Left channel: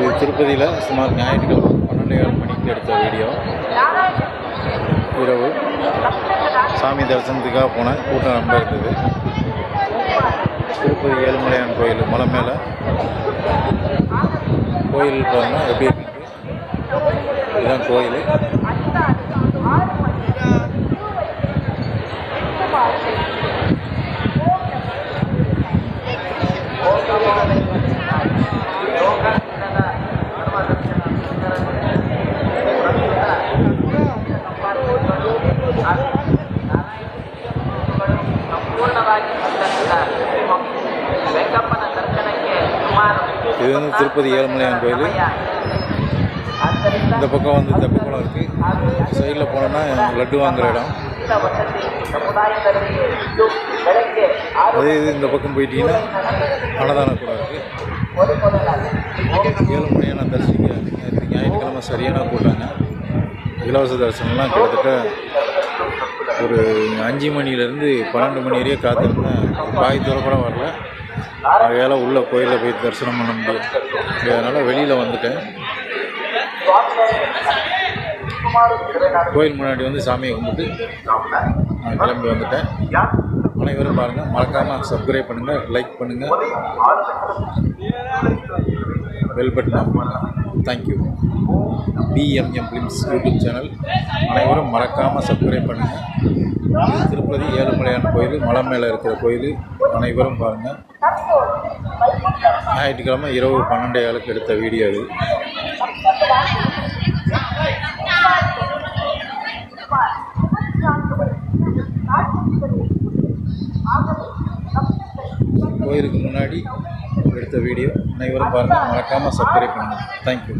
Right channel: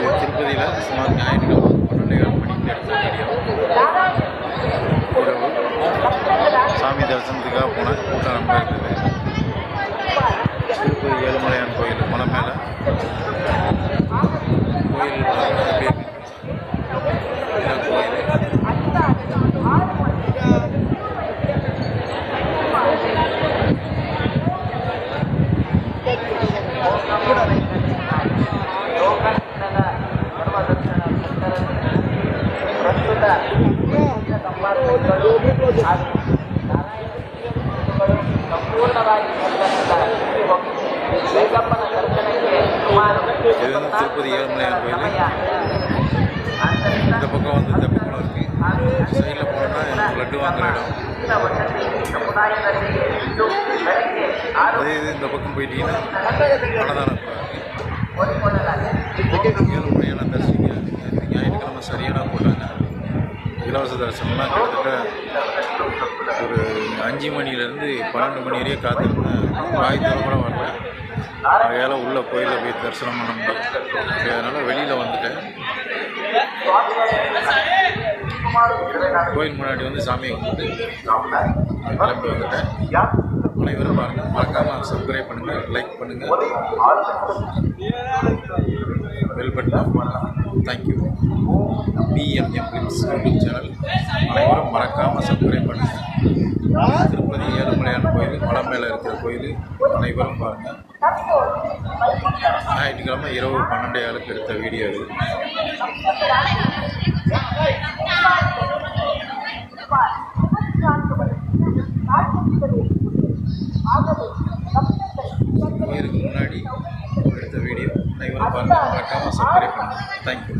இது திருப்பதியில் சுமார் ஞாயிற்றுக்கிழமை பன்னெண்டே கால் மணிக்கு எடுத்த வீடியோ. இரவு. சாமி தரிசனத்துக்காக போனேன் கூட்டம் ரொம்ப இருந்தது. திருப்பதி ஏழுமலையான் கோயில் மலை மேலே கோயில் பாருங்க எப்படி இருக்கு இதுதான் கோயில். இது வந்து திருப்பதி ஏழுமலையான் கோயில். இந்த பக்கம் வந்து இந்த பக்கம் இருக்குது சைடில் போனோன்னா லட்டு வாங்குற இடம். அதே இது இந்த பக்கம் போயிட்டீங்கன்னா அன்னதான குளம் இருக்குது ஏழுமலையான மணியான தரிசிக்க ஞாயிற்றுக்கிழமை சரியான போட்டாங்க இலவச தரிசனம்லாம் கிட்டத்தட்ட ஒரு அஞ்சு மணிலேருந்து பன்னெண்டு மணி வரையும் காத்திருந்தேன். பாய் தூரம் கூட வரல. அதையால் உள்ள கோயிலில் போய் தரிசனம் பண்ண முடியும் அதனால் வெளியில் வந்துட்டேன். கோயில் முன்னாடி வந்து சாமியை கும்பிட்டு நான் கிளம்பி வந்துட்டேன். அனைவரும் பாருங்கள் மறக்காமல் சப்ஸ்கிரைப் பண்ணுங்கள் லைக் பண்ணுங்கள் bell button thank you PMM films YouTube channel அனைவரும் மறக்காமல் சப்ஸ்கிரைப் பண்ணுங்கள் திருப்பதி ஏழுமலையான கோயில் மலை மேலே இருக்கிற கோயில் அனைவரும் பாருங்கள் ஞாயிற்றுக்கிழமை இரவு பன்னெண்டு ஆளுக்கு எடுத்த வீடியோ இது. கோயிலுக்கு முன்னாடி எடுத்த வீடியோ. அனைவரும் பாருங்கள் மறக்காமல் சப்ஸ்கிரைப் பண்ணுங்கள் தேங்க்யூ